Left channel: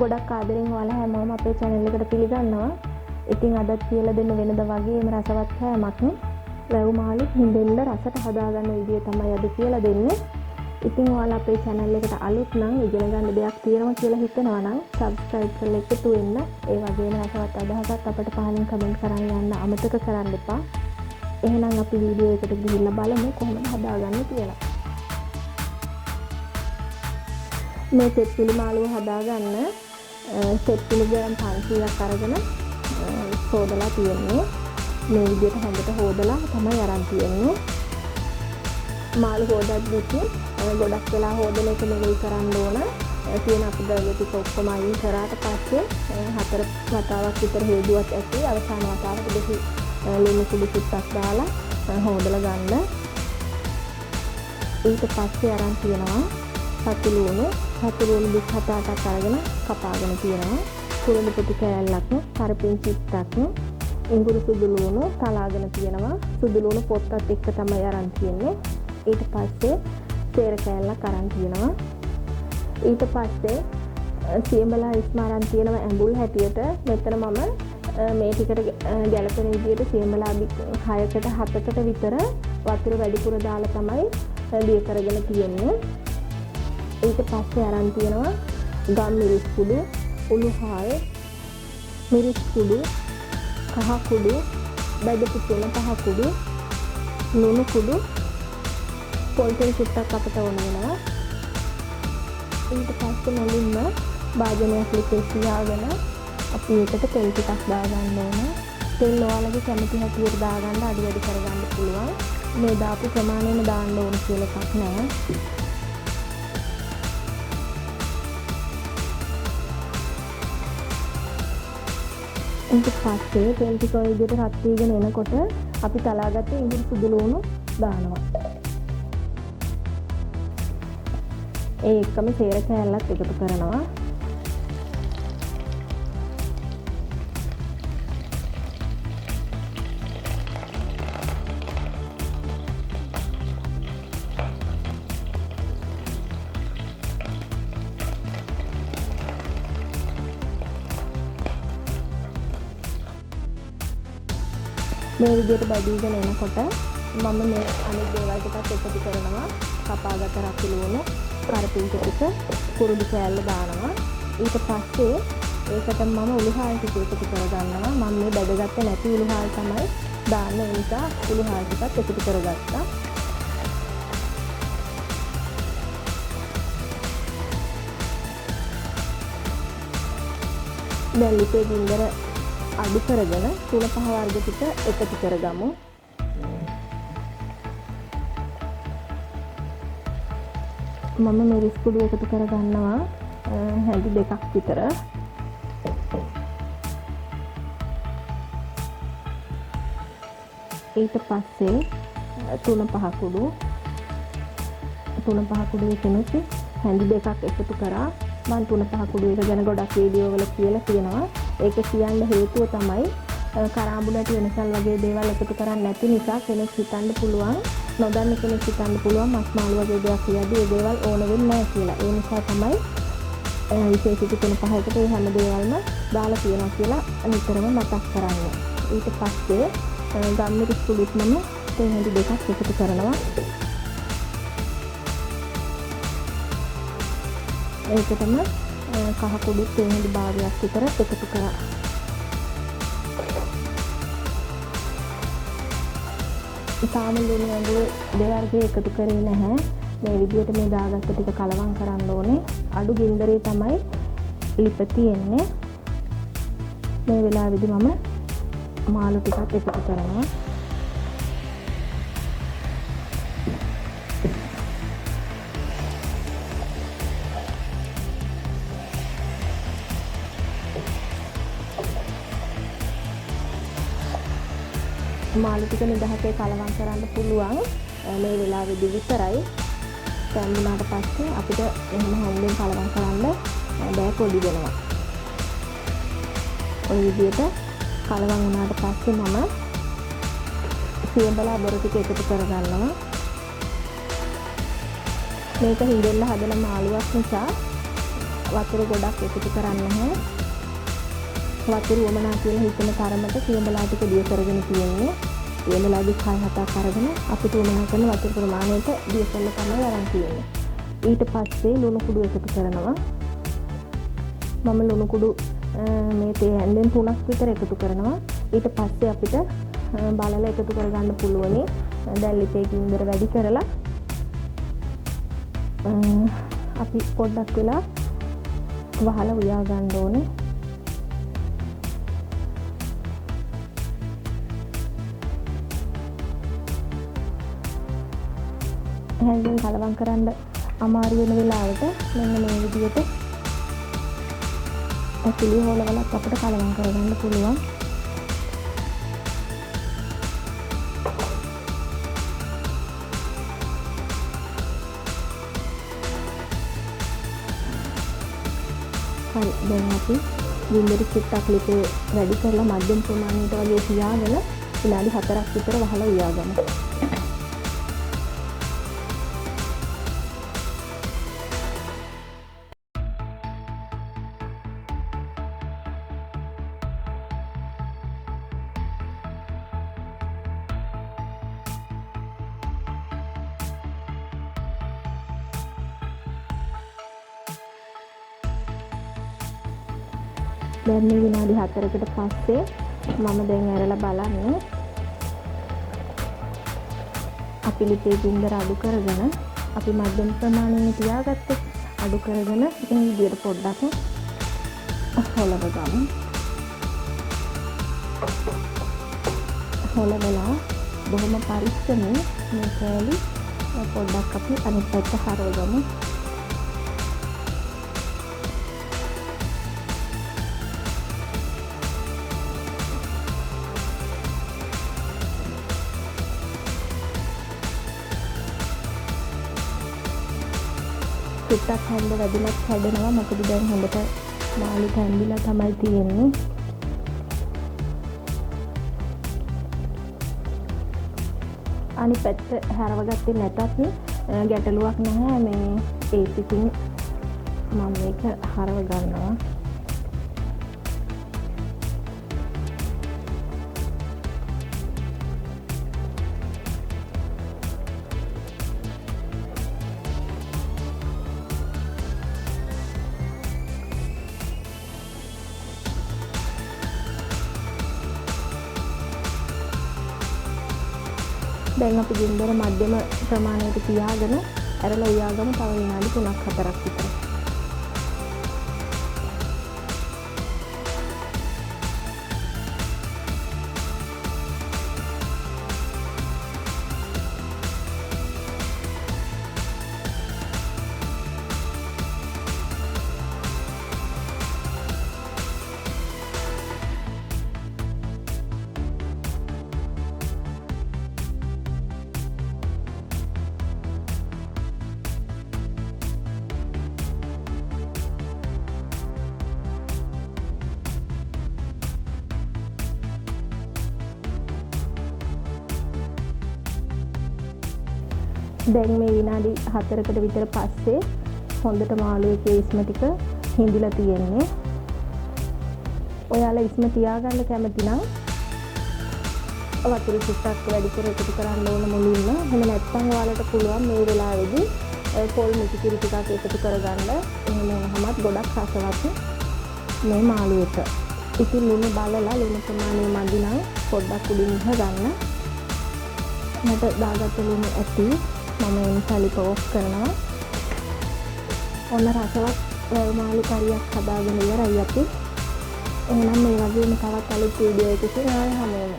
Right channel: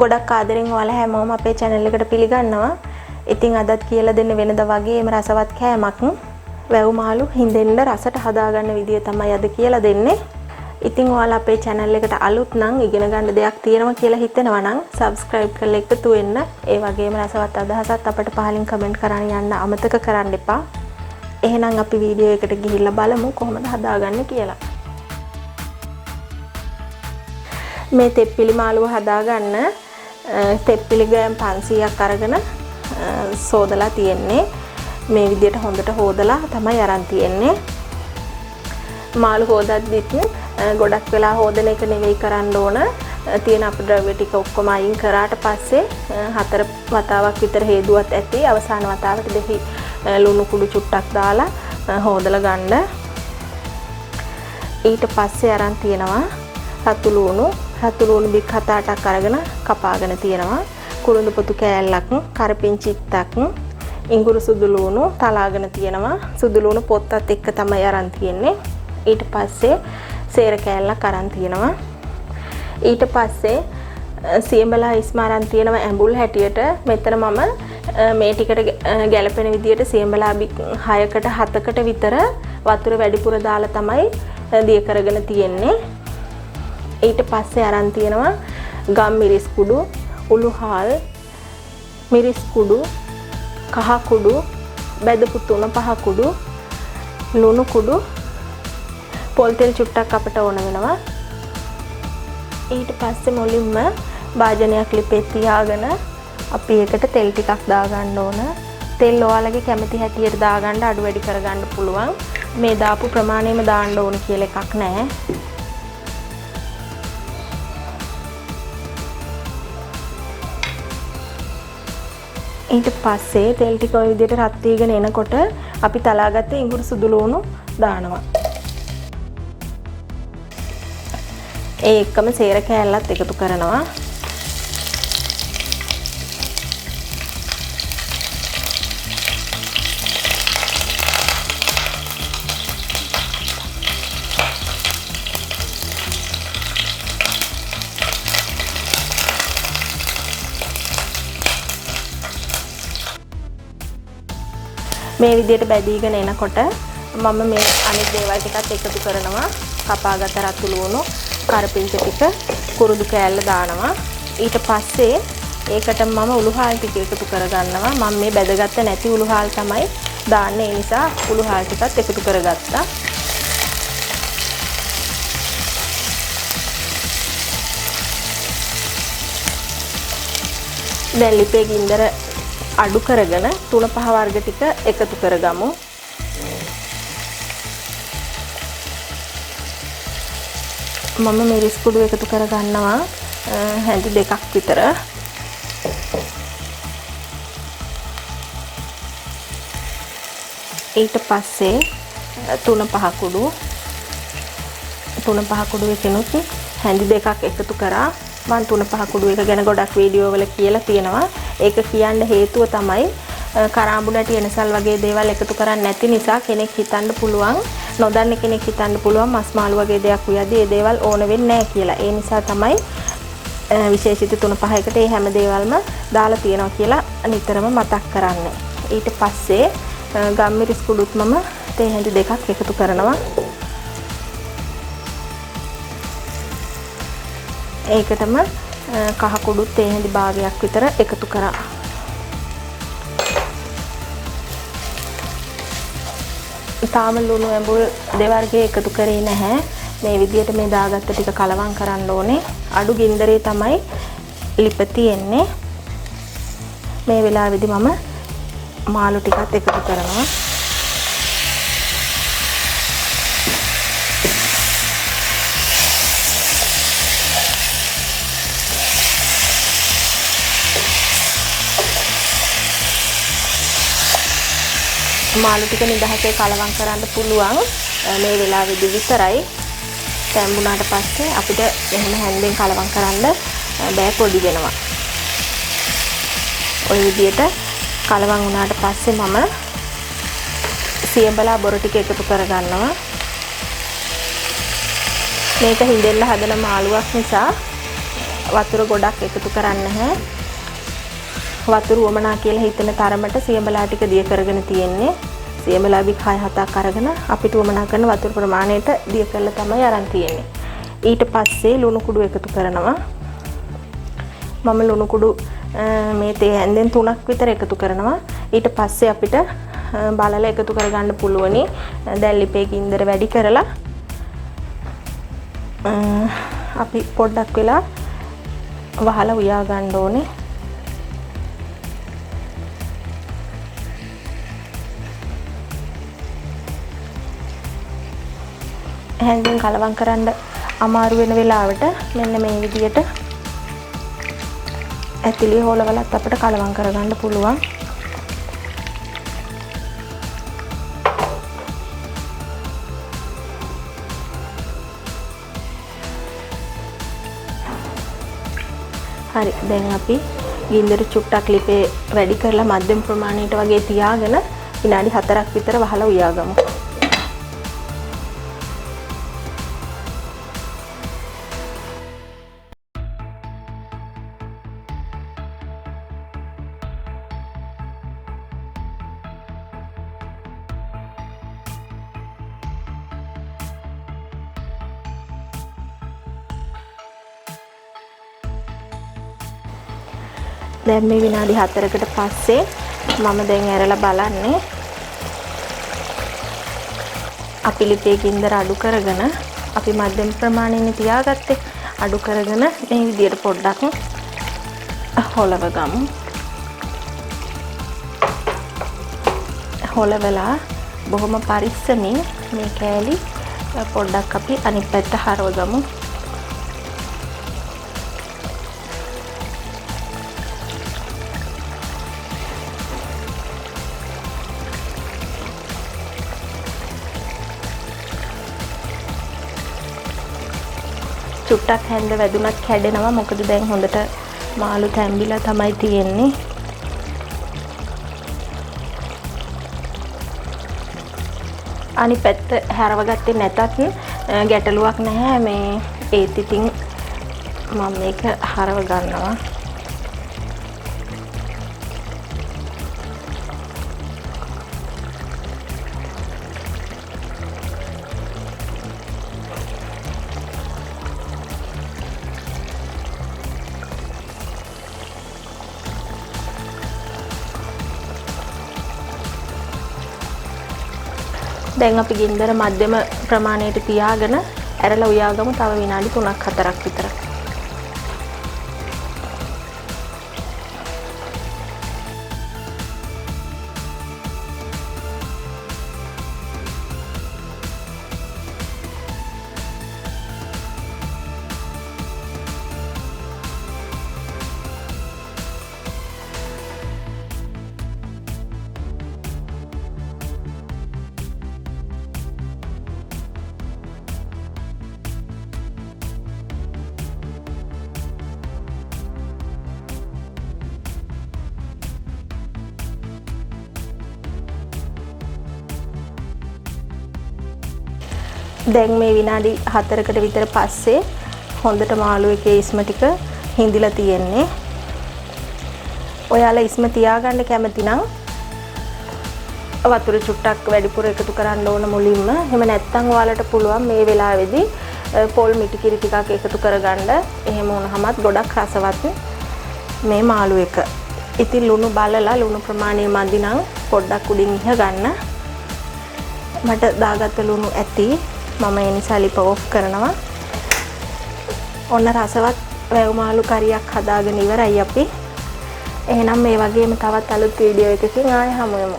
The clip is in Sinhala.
ගොඩක් ආදරෙන් ඔයාලා හැමෝම අපේ channel එකට පිළිගන්නවා. ඉතින් අදත් කියලා දෙන්න වෙනද වගේම රසවත් කෑමක් වැව් මාළු හින්දෙන්න රසට හදාගන්න විදිය තමයි අද කියලා දෙන්නේ. ඉතින් ඔයාලා අපේ channel එකට අලුත් නම් ඉගෙන ගන්න දෙයක් තියෙනවා කියලා හිතෙනවා නම් subscribe කරලා එකතු වෙන්න. ඒ වගේම රසවත් අදහසත් අපිට පහලින් comment කරන්න යන්න අමතක කරන්න එපා. එහෙනම් අපි වීඩියෝ එකට ගිහිල්ලා බලමු කොහොමද හදාගන්නේ කියලා. මේ තෙප්පිලි මාළුව හදාගන්න තෙප්පිලි ග්‍රෑම් 500ක් අරගෙන සෝදලා තියෙන්නේ. මේ විදිහට හොඳට හොදලා තමයි අරන් තියෙන්නේ. මාළු හොදද්දිත් ගොඩක් වෙලා හොදන එක නෙවෙයි කරන්න ඕන. තියෙන අපද්‍රව්‍ය ටික ඔක්කොම අයින් කරාට පස්සේ 4 වතාවක් විතර හේදුවත් ඇති. අවසාන වතාවට දෙහි ලුණු කුඩු චුට්ටක් දාලා හොදලා ගන්න. ඊට පස්සේ අරන් තියෙනවා රතු ලුණු බික් 7-8ක් අරගෙන කපාගෙන තියෙනවා. කුරුඳු පොතු කෑල්ලක්, කරපිංචිත්තක්, ඉඟුරු සුදු ලුණු තලාගෙන තියෙනවා. සුදු ලුණු පොත්තත් එක්ක තමයි අරන් තියෙන්නේ. ඊට පස්සේ සේර කෑල්ලක් අරන් තියෙනවා. ඊට පස්සේ සියඹලා ඉස්මාරන් තියෙනවා ඇඹුල් හැටියට. මෙතන මම මේ ටිකට ගැලපෙන විදියට සියඹලා 6කට 7කට විතර වතුර වැඩිපුර දාලා තමයි දිය කරගෙන තියෙන්නේ. ඊට පස්සේ අරන් තියෙනවා ගම් මිරිස් කුඩු, උළුහාල්, මිරිස් කුඩු, කහ කුඩු, බෙදපු 3-5 කුඩු, ලුණු කුඩු, පොල් තෙල් චුට්ටක් අපට ඕන වෙනවා. ඊට පස්සේ මුලින්ම භාජනයක් ලිපේ තියාගෙන අපි ඒකට තෙල් ටිකක් දාගන්න ඕන. තෙල් ඔයාලගේ කැමති හැටියට දාගන්න අඩු වැඩි කරගන්න පුළුවන්. මේ දාපු ප්‍රමාණයම දාන්න ඕන කියලා එකක් නැහැ. ඊට පස්සේ තෙල් ටික ඔය විදිහට රත් වීගෙන එනකොට අපි තලාගත්ත ඉඟුරු සුදු ලුණු දානවා. ඒ එක්කම සේර කෑල්ලත් එකතු කරනවා. මේ විදිහට බැදීගෙන එනකොට මම මේ අනිත් දේවල් ටිකත් එකතු කරනවා. කපාගත්ත රතු ලුණු, කරපිංච ටික, කුරුදු කෑල්ල දානවා. ඊට පස්සේ ඒකට මම උළුහාල් ටික එකතු කරගන්නවා. මම මේ බැදගත්ත නැති උළුහාල් තමයි දාන්නේ. ඒ නිසා උළුහාල් ටිකත් එකතු කරගත්තා. දැන් ලිපේ ගින්දර අඩු කරගෙන 3-5 වර්ග ටික එකතු කරගමු. මම මිරිස් කුඩු එකතු කරගන්නවා හැඳි 2ක් විතර. ඊට පස්සේ 3-5 කුඩු එකනොත් හැඳි 2ක් එකතු කරා. මම 3-5 කුඩු එක ගැන ගොඩක් වීඩියෝ වල කියලා තියෙනවා. ඒක කියන්න හේතුව තමයි කරාඹු නැටි එනසල් වගේ දේවල් එකතු කරන්නේ නැති නිසා කෙනෙක් හිතන්න පුළුවන්, නොදන්න කෙනෙක් හිතන්න පුළුවන් මස් මාළු වගේ දෙයක් උයදී ඒ දේවල් ඕන වෙන්නේ නැහැ කියලා. ඒ නිසා තමයි විශේෂිත 3-5 එකට මේ හැම දේවල්ම දාලා තියෙනවා කියලා නිතරම මතක් කරන්නේ. ඊට පස්සේ ගම් මිරිස් කුඩුත් මම තේ හැඳි 2ක් එකතු කරනවා. ඒකටම කහ කුඩුත් තේ හැඳි භාගයක් විතර එකතු කරා. තාම ලුණු ඇඹුල් දෙවර්ගයේ එකතු කරේ නැහැ. මේ විදිහට මේ දාගත්ත ටික කලවම් කරන්න ඕනේ. අඩු ගින්දරේ තමයි ලිප තියෙන්නේ. මේ වෙලාවේදී මම මාළු ටිකත් එකතු කරනවා. මාළු ටික නිදහසේ කලවම් කරන්න පුළුවන් මේ වෙලාවේදී විතරයි. තැම්බුණාට පස්සේ අපිට එහෙම හැන්දෙන් කලවම් කරන්න බෑ, පොඩි වෙනවා. ඔය විදිහට කලවම් වුණාට පස්සේ මම සියඹලා බොර ටික එකතු කරගන්නවා. මේක හිඳෙන්න හදන මාළුවක් නිසා වතුර ගොඩක් එකතු කරන්නේ නැහැ. වතුර වමනා කියලා හිතෙන තරමට සියඹලා ටික දිය කරගෙන තියෙන්නේ. සියඹලා බික් 6-7ක් අරගෙන අපිට වමනා කරන වතුර ප්‍රමාණයට දිය කරලා තමයි අරන් තියෙන්නේ. ඊට පස්සේ ලුණු කුඩු එකතු කරනවා. මම ලුණු කුඩු මේ තේ හැන්දෙන් 3ක් විතර එකතු කරනවා. ඊට පස්සේ අපිට බලලා එකතු කරගන්න පුළුවනි. දැන් ලිපේ ගින්දර වැඩි කරලා අපි පොඩ්ඩක් වෙලා වහලා උයා ගන්න ඕනේ. හැන්දෙන් කලවම් කරන්න අමාරු වෙන වෙලාවට මෙන්න මේ විදියට ඇතිලි හොලවලත් අපිට කලවම් කරගන්න පුළුවන්. හරි දැන් අපි ගින්දර චුට්ටක් ලිපේ වැඩි කරලා මධ්‍යම ප්‍රමාණයට වගේ තියාගෙන විනාඩි 4ක් විතර වහලා උයාගමු. දැන් මේ විනාඩි 4කට පස්සේ මම දැන් ඇරලා බලන්නේ අපි ලිපේ ගින්දර අඩු කරගෙන අපි මධ්‍යම ප්‍රමාණයෙන් තියාගත්තේ අඩු කරගෙන මේ විදියට පොඩ්ඩක් හොලව ගමු. හොලවලා බොහොම පරිස්සමින් මේ කෑලි පොඩ්ඩක් අපි අනිත් පැත්ත හරව ගමු. චුට්ටක් හැන්ද වැදුනත් කැඩෙනවා. මොකද දැන් හොඳට මාළු තැම්බිලා තමයි තියෙන්නේ. අනිත් පැත්ත හැරවගත්තේ නැතත් ගැටලුවක් නැහැ. මේ ඒත් ඉතින් මම මේක හරව ගන්නවා. දැන් අපි ගින්දර මධ්‍යම ප්‍රමාණයට තියාගෙන ඇරලා උයාගමු තව විනාඩි 3-4ක් විතර. දැන් මේ විනාඩි 4කට විතර පස්සේ හොඳට මාළු එකේ ඉස්ම ටික හිඳිලා තියෙන්නේ. ඔයාලා ඉස්ම තියාගන්න කැමති නම් වතුර චුට්ටක් වැඩිපුර එකතු කරන්න ඕන මුලින්ම. එහෙම නැත්නම් ඔයාලට පුළුවන් මේ වෙලාවේදී පොල් මිටි කිරි ටිකක් එකතු කරගන්න. එහෙම වුණාමත් ගොඩක් රසවත් මේ මාළු එක. ඉතින් ලුණු බලලා ලුණු ප්‍රමාණය මදි නම් පොඩ්ඩක් උඩින් ඉහ ගන්න. මට දාගත්ත ලුණු ඇති. මම ඒ නිසා ලිප ඔෆ් කරනවා. ඔන්න රසවත් වැව් මාළු කරියක් හදාගෙන ඉවරයි අපි. එහෙනම් මේ වගේම තවත් අලුත් වීඩියෝ එකකින් ආයෙ හමු වෙමු.